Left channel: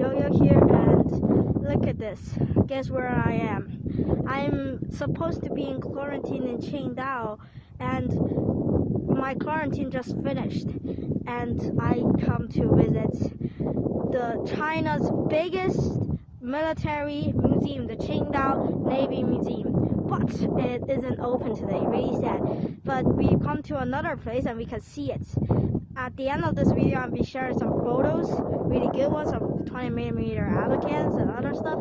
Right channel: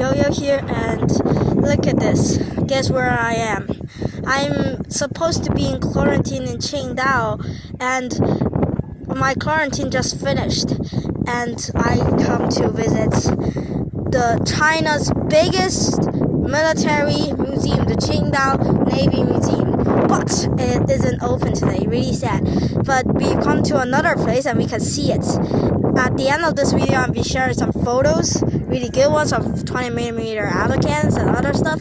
Yo-Yo here, and look at this. Guess where I am? I'm supposed to be in quarantine in Qingdao, and my quarantine just finished, and I come to visit the China's biggest military museum, the Qingdao Navy Museum. But it isn't open today, really sad. But we come to another place and we can see it. At the end of this video, I'll be sharing some photos, really good ones of 20mm Alacans and other stuff.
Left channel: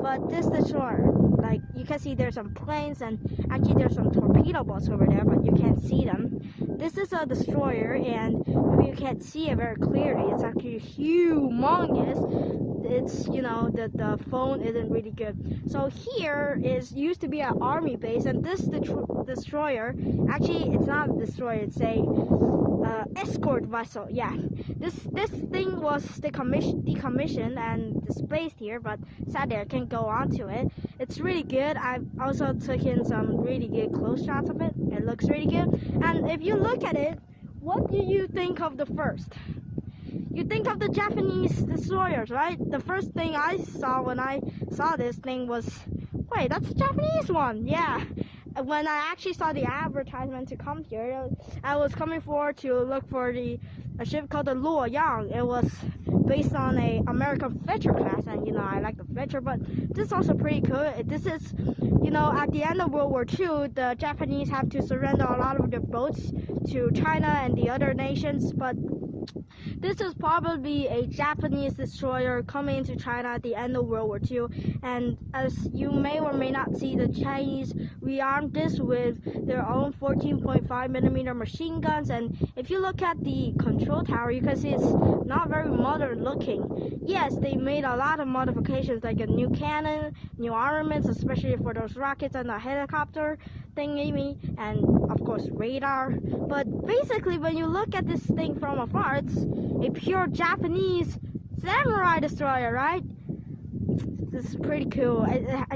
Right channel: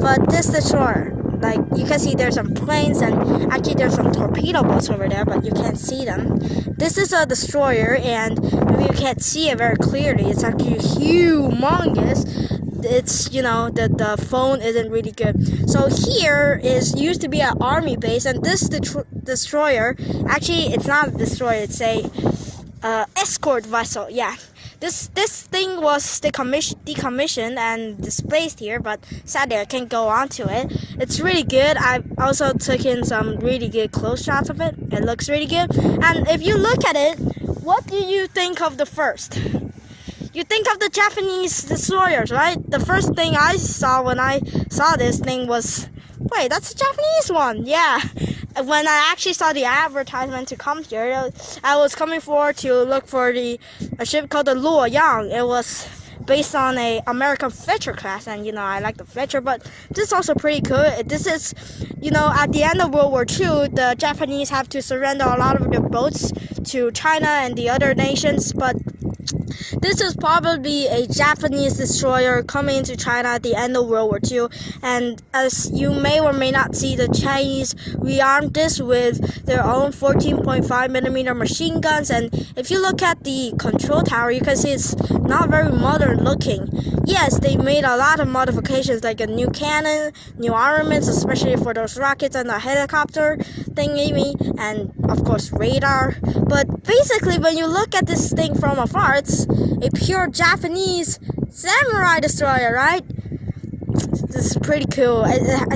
But this destroyer, like you can see there's some planes and actually there's some torpedo boats over there, but you can't see them. This is a destroyer, and maybe you can't see it very clearly. It's actually humongous. It's, you know, the phone isn't really good. So here used to be an army base, and this destroyer, actually it's not a destroyer, it's a escort vessel. Yeah, this thing was decommissioned and displaced here, but sadly I can't go onto it. It's really good. I also took in some really good close shots of it. It looks really good. And if you look at it, what do you think of the first? You think of the Japanese destroyers, right? The first thing I saw when I saw this thing was, wait, that's a Japanese one. Yeah. When I actually saw the advertisement to come here, I was coming forward to look for a ship called the Luoyang. It was based on a American Fletcher class, and you know, I like the Fletcher, but this is also pretty cool. This is, you know, at the end of World War II, the Japanese have to surrender a lot of their boats to China and the other nations, but this is probably a Japanese destroyer coming into China at the end of World War II, and as you may or may not see, the Chinese rearmed this with their own 14.5mm machine guns, and if you look at the control tower, you can see it's not very modern looking. Yes, they made a lot of modifications, like a new cannon, new armaments, especially for those rockets and the helicopter thingy, and of course radar. But basically, when you look at this thing from afar, it's a pure Japanese samurai destroyer, right? This is pretty cool.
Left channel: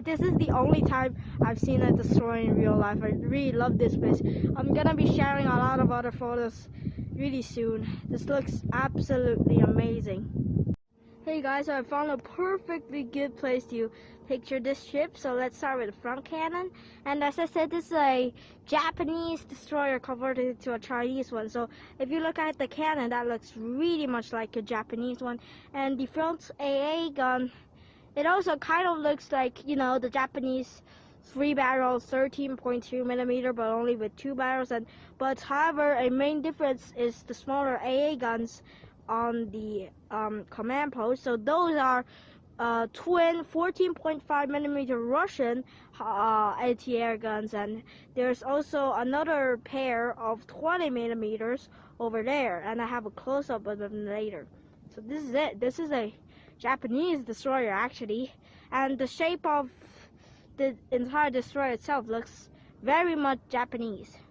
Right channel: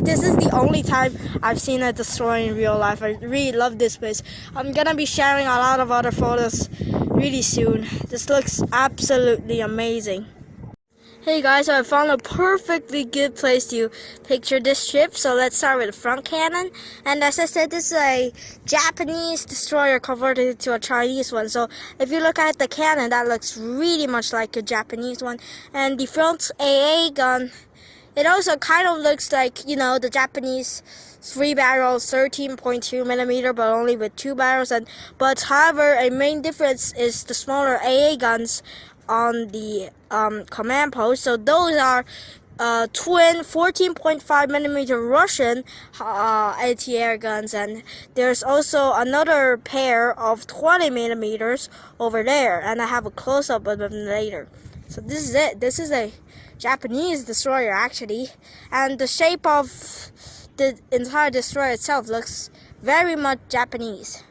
This is the only time I've seen a destroyer in real life. I really love this place. I'm gonna be sharing a lot of other photos really soon. This looks absolutely amazing. Hey guys, so I found a perfectly good place to picture this ship. So let's start with the front cannon. And as I said, this is a Japanese destroyer converted to a Chinese one. So if you look at the cannon, that looks really much like a Japanese one. And the front AA gun, it also kind of looks like, you know, the Japanese 3-barrel 13.2mm, but only with 2 barrels. But however, a main difference is the smaller AA guns on the command post. So those are twin 14.5mm Russian anti-air guns, and there's also another pair of 20mm over there, and I have a close-up of them later. So this is it. This is a Japanese destroyer actually, and the shape of the entire destroyer itself looks very much Japanese.